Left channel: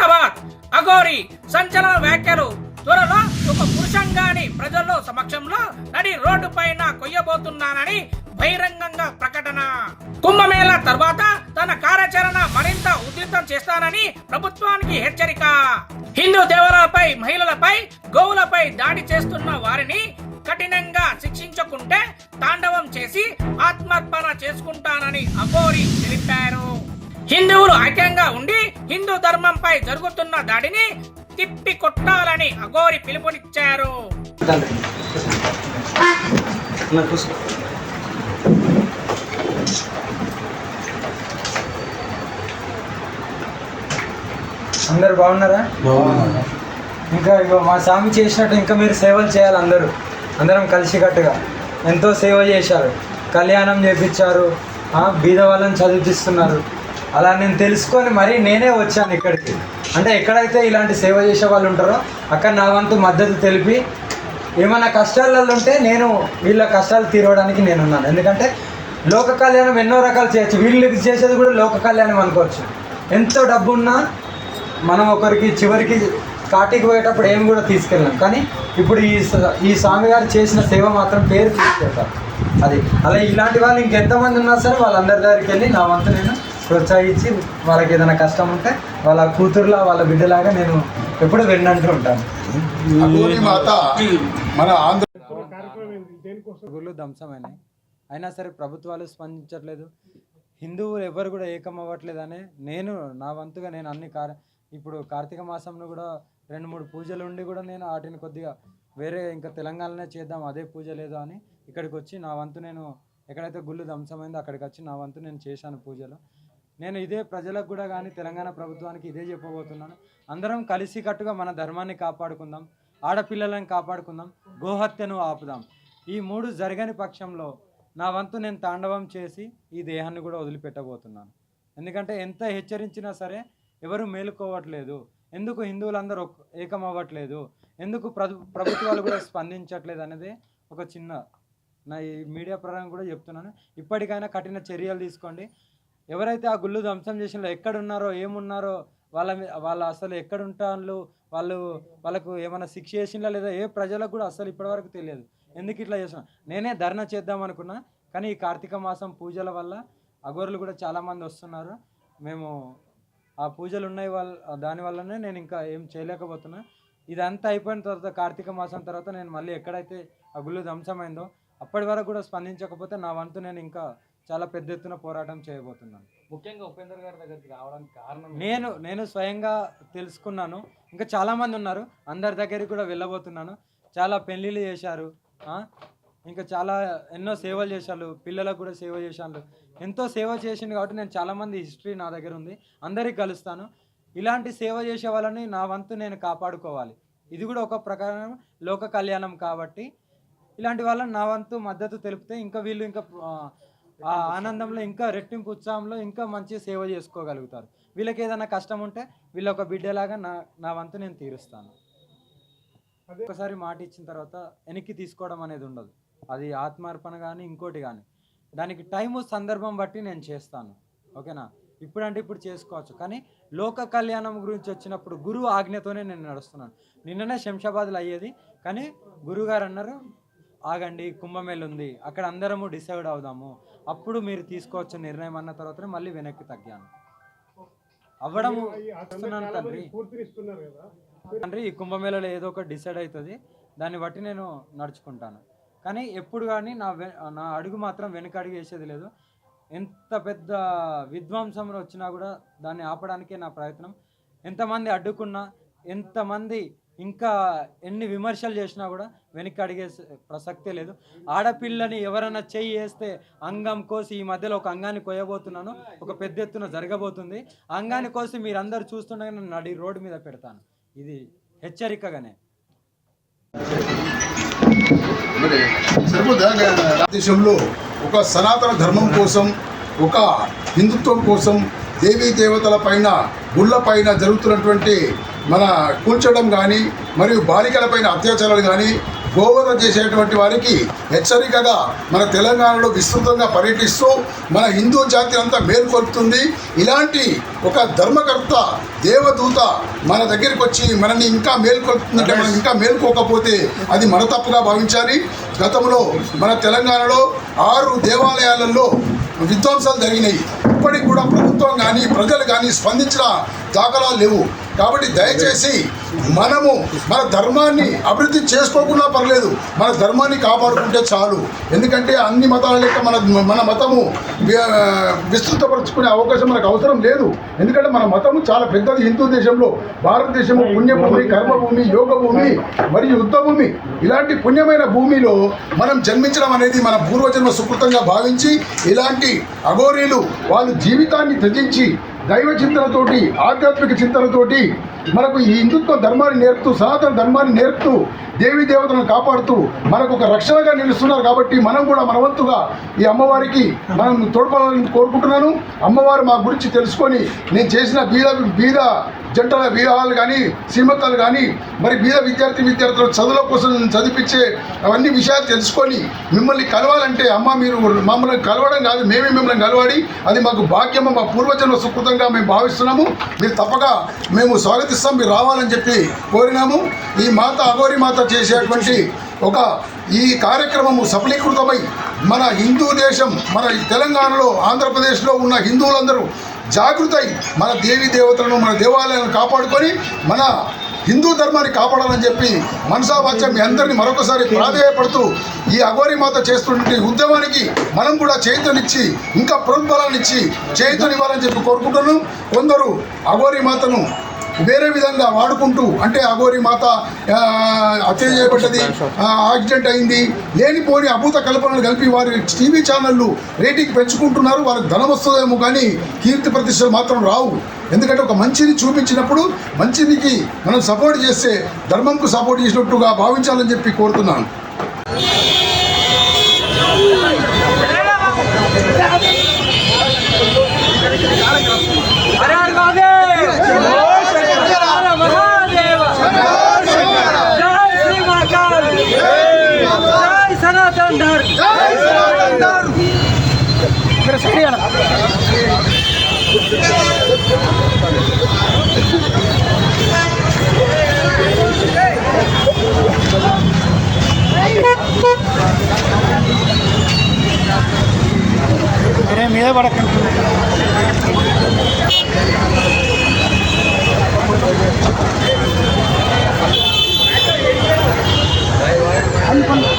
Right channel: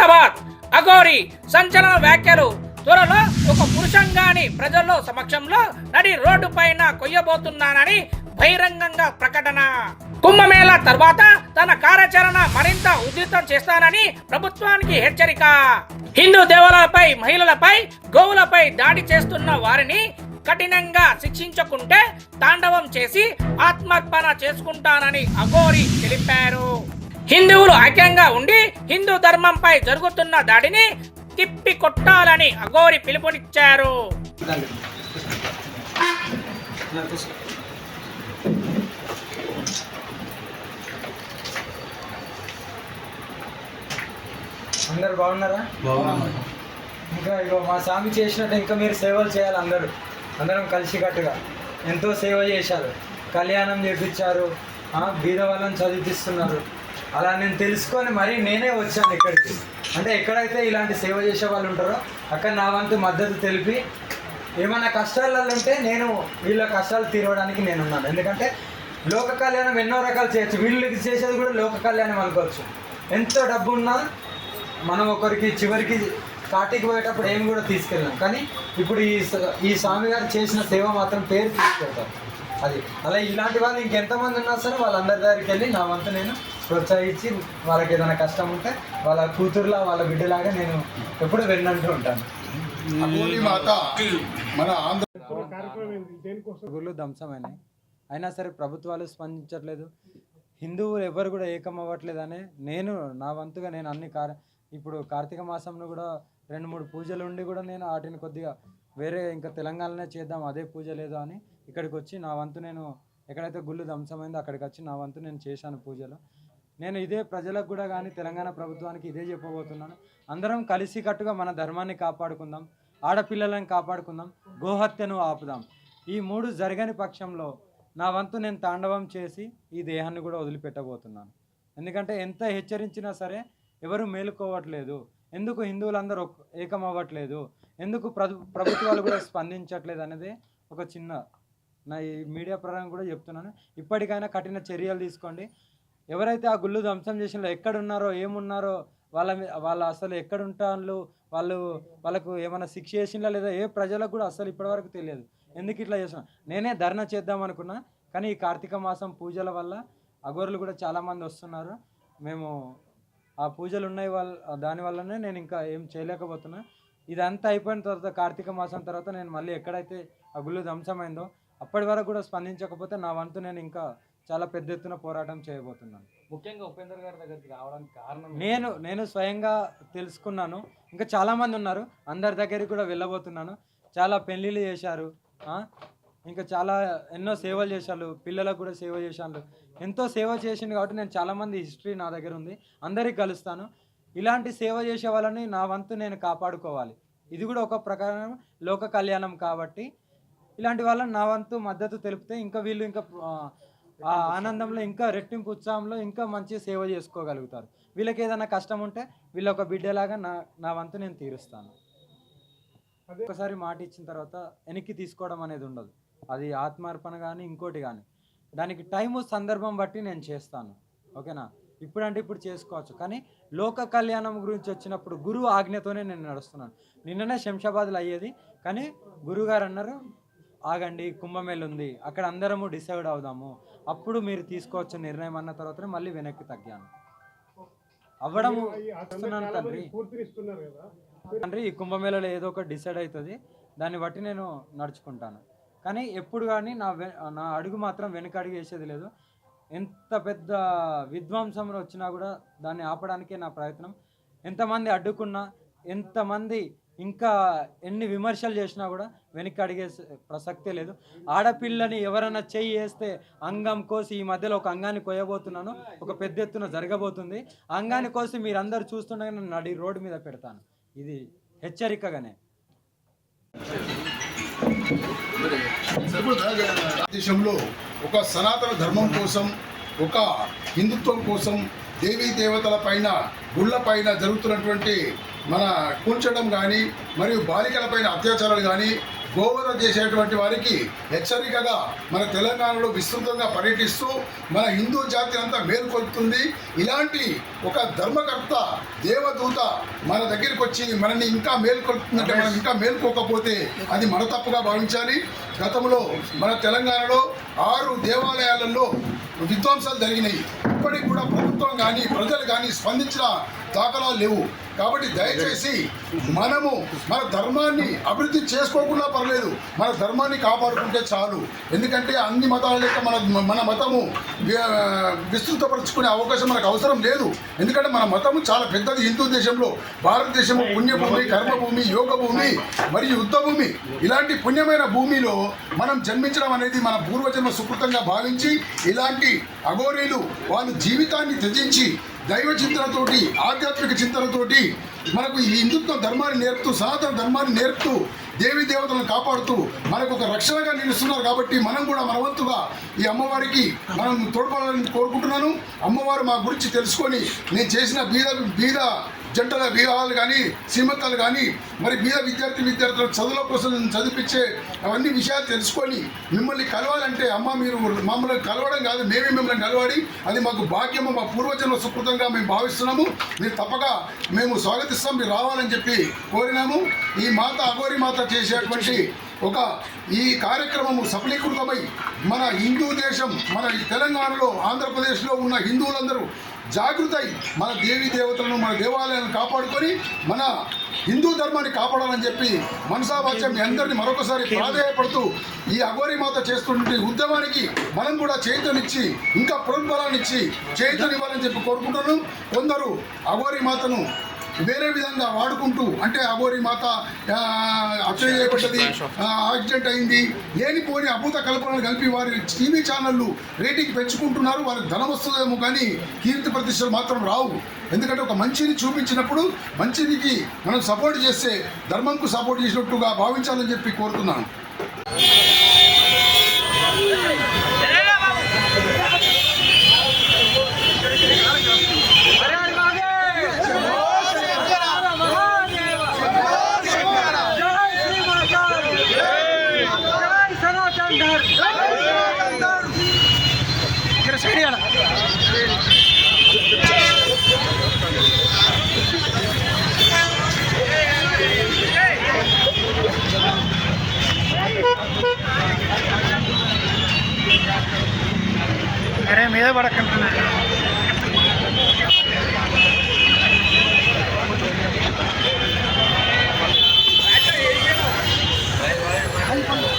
శంషాబాద్ అఘోరి సంచలన వ్యాఖ్యలు. త్వరలో ఒక పురుషంగాని ప్రజల్లో సమక్షంలో నడి రోడ్డు పైన కొయ్యబోతున్నానని బహిరంగంగా ప్రకటన. కుంభమేళా తర్వాత తన కార్యాచరణ మరింత ఉధృతం చేస్తానని ప్రభుత్వానికి హెచ్చరిక. హిందూ దేవాలయాలపై, మహిళలపై, గోవులపై దాడి చేస్తున్న వారిని కఠినంగా శిక్షించకుంటే తాండవం చేసి ఆత్మార్పణ చేసుకుంటానని అఘోరి తెలిపారు. హిందువులు ఐక్యంగా ఉండి హిందూ ధర్మంపై జరుగుతున్న దాడిని తిప్పి కొట్టాలని అఘోరి పిలుపునిచ్చారు. అందరు బాగున్నారా? ఇంకా మా స్వామి చేసినట్టు ఇంకా మీరు సేవలు చేయాలి. అందరం కలిసికట్టుగా ఎంతో సేవ చేశారు, కళ్యాణం చేపించారు, బీద వాళ్ళని చదివిస్తున్నారు. అలా నేను తెలుసుకొని మరీ నేనే వచ్చాను ఇక్కడికి. అంటే ఎక్కడైతే ఇలాంటి సేవ చేసే వాళ్ళు ఉంటారో అక్కడ నా వంతు మద్దతు తెలిపి ఏమైనా కష్టాలలో ఉంటే నేను వీళ్ళ కష్టాలు తీరవడానికి నేనున్నాను. ఎందుకంటే లోక కళ్యాణం ఎన్నో రకాలు చేయొచ్చు, వీళ్ళకి చేసేది కూడా లోక కళ్యాణం అనుకోవచ్చు. ఎంతో డబ్బు ఉన్నా మనం ఒకరికి చివరికి కాటికి పోయేటప్పుడు ఏమి కూడా తీసుకెళ్ళాం. కానీ ఇప్పుడు ఈ స్వామి గారు చేసిన సేవ మాత్రం పేరు తీసుకెళ్తారు. అది అలా ఇలాంటి వాళ్ళు ఇంకెంతమంది ఉన్నా సరే వాళ్ళందరి దగ్గరికి వెళ్ళి నా వంతు నేను ప్రోత్సహించి వాళ్ళకి ఏదైనా కష్టం ఉంటే వాళ్ళ కూతురులా వాళ్ళ బిడ్డలాగా నేను ఎప్పుడు వెళ్ళంటూ ఉంటాను. గుళ్ళు ధ్వంసమైనాయి, అయినా సరే ప్రభుత్వాలు స్పందించట్లేదు. హిందువులు ఎవరు కూడా ఏకం అవ్వట్లేదనే నేను నా వంతుగా నేను ఇప్పుడు కార్తీక మాసంలో కూడా 2-3 పూజలు ఉండి కూడా నేను వాటిని కొద్దిగా వేరే ఇంకా తెలంగాణలోనే చేద్దాం, అదే పూజ లేదు అని ఇక్కడికి వచ్చి నా వంతు నేను ఎక్కడైతే గుళ్ళు ధ్వంసమైందో అక్కడికి వచ్చి నా వంతు నేను చేశాను పూజలు. నేను ఇదే ప్రజలకు కూడా కానీ తెలంగాణ ప్రభుత్వానికి ఇదే చెప్పబోతున్నాను. అందరం కలిసికట్టుగా మన ధర్మాన్ని కాపాడుకుందాం, ఆడపిల్లలను కాపాడుకుందాం, గోహత్యను ఆపుదాం. ఈ 3 జరగని పక్షంలో నా వంతు నేను తాండవం చేసి ఈ దేహాన్ని కూడా వదిలిపెట్టబోతున్నాను. ఎందుకంటే ఎంత హెచ్చరించినా సరే ఎవరు మేలుకోవట్లేదు. ఎందుకు హిందువులందరూ ఏకం అవ్వట్లేదు, ఎందుకు ప్రభుత్వాలు కూడా స్పందించట్లేదు అనేది ఒక చిన్న నా ఈ మీడియా పరంగా కూడా చెప్తున్నాను. ఇప్పటికైనా కఠిన చర్యలు తీసుకోండి. ఎవరైతే ఆ గుళ్ళు ధ్వంసం చేసినో ఎక్కడున్నారో ఏమున్నారో వాళ్ళ అసలు ఎక్కడుంటారు, వాళ్ళకు ఏమైనా శిక్ష చేసినా లేదా ఏ ప్రజలకు కూడా అసలు ఇప్పటివరకు తెలియదు. ఎందుకు ఇట్లా చేస్తున్నా? నేనే ధర్నా చేద్దాం అనుకున్నా, కానీ ఈ కార్తీక మాసం పూజల వల్ల అఘోరులు కూడా చాలామంది వస్తున్నారు. మేము ఆ పూజలు ఉన్నాయి దానివల్లనే నేను ఇంకా ఏం చేయలేకపోతున్నా. ఇదంతా అయిపోయిన తర్వాత కార్తీక మాసం తర్వాత నేను మళ్ళీ ఎక్కడైతే ఆ గుళ్ళు ధ్వంసమైందో అప్పటి వరకు కూడా స్పందించకపోతే నా వంతు నేను ఇంకా చాలా పెద్ద ఎత్తున పోరాటం చేయబోతున్నాను. ముఖ్యంగా ఉపేందర్ గారి దగ్గరికి రావడానికి కారణం నేను స్వయంగా తెలుసుకున్నాను. ఇంకా చాలామంది ఉన్నారు, అందరి దగ్గరికి కూడా వెళ్ళబోతున్నాను. చాలా పెళ్ళిళ్ళు చేశారు, ఇంకా చాలా ఎన్నో సేవలు చేశారు, పిల్లలకు కూడా సేవ చేశాను. ఎంతో సేవ చేసింది కాబట్టి నేను చాలామంది హిస్టరీ నా దగ్గర ఉంది, అందరికి కలుస్తాను. ఇలాంటి సేవ చేసే వాళ్ళని నా వంతు నేను కాపాడుకోవాలి. ఇది కూడా ఒక ప్రకారం లోక కళ్యాణం కాబట్టి ఇలాంటి వాళ్ళని నా వంతు మద్దతు తెలిపితే ఇంకా వీళ్ళు ఇంకా ఆ ఆనందంలో ఇంకా రెట్టింపు ఉత్సాహంలో ఇంకా మంచి సేవ చేసుకోగలుగుతారు. వీళ్ళకి ఏదైనా కష్టం ఉంటే వీళ్ళ ఒక బిడ్డలాగా నా వంతు నేను తీరుస్తాను. ఒకసారి మాట ఇచ్చిన తర్వాత వెనక్కి తీసుకోవడం అనేది ఉండదు. అది ఆత్మార్పణ కానీ ఇంకోటి కానీ దానికి టైము సందర్భం బట్టి నేను చేస్తాను. ఓకేనా? ఇప్పుడంటే ఇప్పుడు చేసుకోవచ్చు, కానీ లోక కళ్యాణం గురించి వచ్చినప్పుడు గురువు ఆజ్ఞతోనే నేను నడుస్తున్నాను. నిన్ననే శంషాబాద్లో అయ్యేది, కానీ గురువుగారు అన్నారు ఆగండి, కుంభమేళ ఉంది, అక్కడ అందరము డిసైడ్ అవుదాము, అప్పుడు మీరు తీసుకోవచ్చు నిర్ణయం అన్న తర్వాతనే మళ్ళీ వెనక్కి తగ్గాను. అవ్వడము తండ్రి ఈ కుంభమేళలో ఏదో ఒకటి డిసైడ్ అవుతుంది, దాన్ని బట్టి నేను నడుచుకుంటాను. కానీ ఎప్పుడు కానీ నా అడుగు మాత్రం వెనక అడుగు వేసేది లేదు. ఎంత పెద్ద విధ్వంసంలో వచ్చినా కూడా దాన్ని ఆపడానికే నా ప్రయత్నం. ఎంతమంది అడ్డుకున్నా, ఎంతమంది ఇంకా ఎన్ని విమర్శలు చేసినా కూడా వెనక్కి అడిగే ప్రసక్తే లేదు. ఆడపిల్లని ఎవరైనా చెయ్యి వేస్తే అంగం కోసి, ఈ మధ్యలో ఒక అంగాన్ని కొయ్యబోతున్నాను, ఒక పెద్ద ఎత్తున జరగబోతుంది. అంగాన్ని కోసి మీరందరూ చూస్తుండగా నేను నడి రోడ్డు మీద పెడతాను. ఇది హెచ్చరికగానే. దేశంలో ఒక సనాతన ధర్మం కోసం, ఒక హిందుత్వం కోసం, దేవీ దేవతల పైన, గుళ్ళ పైన జరుగుతున్నటువంటి మన కూల్చడం కానీ, మరియు బాలికల పైన అత్యాచారాలు కానీ, గోవధ చేసేటువంటి వారికి హెచ్చరికగా మన తెలంగాణలో విస్తృతంగా పర్యటిస్తూ మన హిందూ జాతి అంతా మేల్కొల్పుతుంది. ఇలాంటి ఒక ధర్మకర్త దేవదూత మన దగ్గరికి వచ్చి మనల్ని ఇంకా మేల్కొల్పుతుందంటే మనం ఇంకా మేల్కోకపోతే అది మన తప్పుగా భావించాలి. గతంలో మన తెలంగాణలో 6 దేవాలయాలలో విధ్వంసాలు జరిగినాయి. ఇప్పటికి కూడా ప్రభుత్వం కానీ ప్రజలు కానీ స్పందించిన దాఖలాలు లేవు. కాబట్టి దయచేసి మనము మన ధర్మాన్ని అభివృద్ధి చేసుకోకుండా పర్లేదు, మన ధర్మాన్ని కాపాడుకుంటే చాలు. ఎందుకంటే అన్ని మతాల లెక్క మన మతము విస్తృతపరుచుకునే అవకాశం మనకు అవసరం లేదు. ఎందుకంటే మన మతము చాలా పెద్దది. హిందూ దేశంలో భారతదేశము పుణ్యభూమి, కర్మభూమి, యోగ భూమి మరియు యుద్ధ భూమి. ఇలాంటి పుణ్యమైన భూమిలో మనం జన్మించడం అనేది మన పూర్వజన్మ సుకృతంగా భావించి ఇలాంటి అఘోరీలు వాళ్ళు జీవితాన్ని త్యజించి దైవ చింతనతోటి ఆధ్యాత్మిక చింతనతోటి మనకు ఈ హిందుత్వ ధర్మాన్ని నేర్పుతూ సనాతన ధర్మాన్ని నేర్పుతూ దేవీ దేవతలను కాపాడుతూ మనకు ఒక రక్షణగా నిలుస్తున్నారు. కాబట్టి మనం కూడా మన వంతుగా ఈ అమ్మవారికి మనం తోడ్పడాలని కోరుకుంటున్నాను. అమ్మవారు మా గురించి తెలుసుకొని నేను చేసిన బీద జంటల వివాహాలు కానీ శ్రీమంతాలు కానీ మరి బీద విద్యార్థులు చదువుల కోసం చదివించే అవన్నీ విషయాలు తెలుసుకొని మిమ్మల్ని కలవాలంటే అమ్మ మీరు మమ్మల్ని కలవడం కాదు, మేమే మిమ్మల్ని కలవాలి. అది మాకు భాగ్యము, మా పూర్వజన్మ సుకృతంగా మేము భావిస్తున్నాము. మీరు తప్పక మేము స్వాగతిస్తాం, మీరు రావాలని చెప్పి కోరినాము. ఈ మాత అఘోరి మాత చేసేటువంటి ఈ కార్యక్రమము సఫలీకృతమై మన హిందూ దేశం, మన తెలంగాణలో ఆంధ్రప్రదేశ్లో ఉన్న హిందువులందరూ జాగృతై మన దేవీ దేవతలను మన దేవాలయాలను కాపాడుకొని మన హిందూ ధర్మాన్ని కాపాడాలని చెప్పి మనసావాచ్యం మీ అందరినీ మరొకసారి ప్రాధేయపడుతూ ఈ అఘోరి మాత చేస్తున్న ఉద్యమానికి మనం కూడా చేతునిచ్చి ఇంకా ప్రోత్బలాన్ని ఇచ్చి చేతునివ్వాలని చెప్పి కోరుకుంటున్నాను. కొందరు అఘోరి మాతను వేరే విధంగా వాడుకుంటూ అంటే అఘోరి మాత హత్య చేయబడ్డది, యాక్సిడెంట్ అయింది, లేనిపోని అభూత కల్పనలు కలిపి వారి టీవీ ఛానళ్ళు రేటింగ్ పెంచుకుంటున్నారు. వాళ్ళకి ధనం వస్తుందేమో కానీ కీర్తి ప్రతిష్టలు మాత్రం రావు. ఎందుకంటే ఒక మంచిని చూపించినప్పుడు మంచినికి మనం సపోర్ట్ చేస్తే ధర్మంకు సపోర్ట్ చేసినట్టుగా భావించాలని చెప్పి కోరుతున్నాను. అరే మీద పడకంటున్నా అనుకుంటా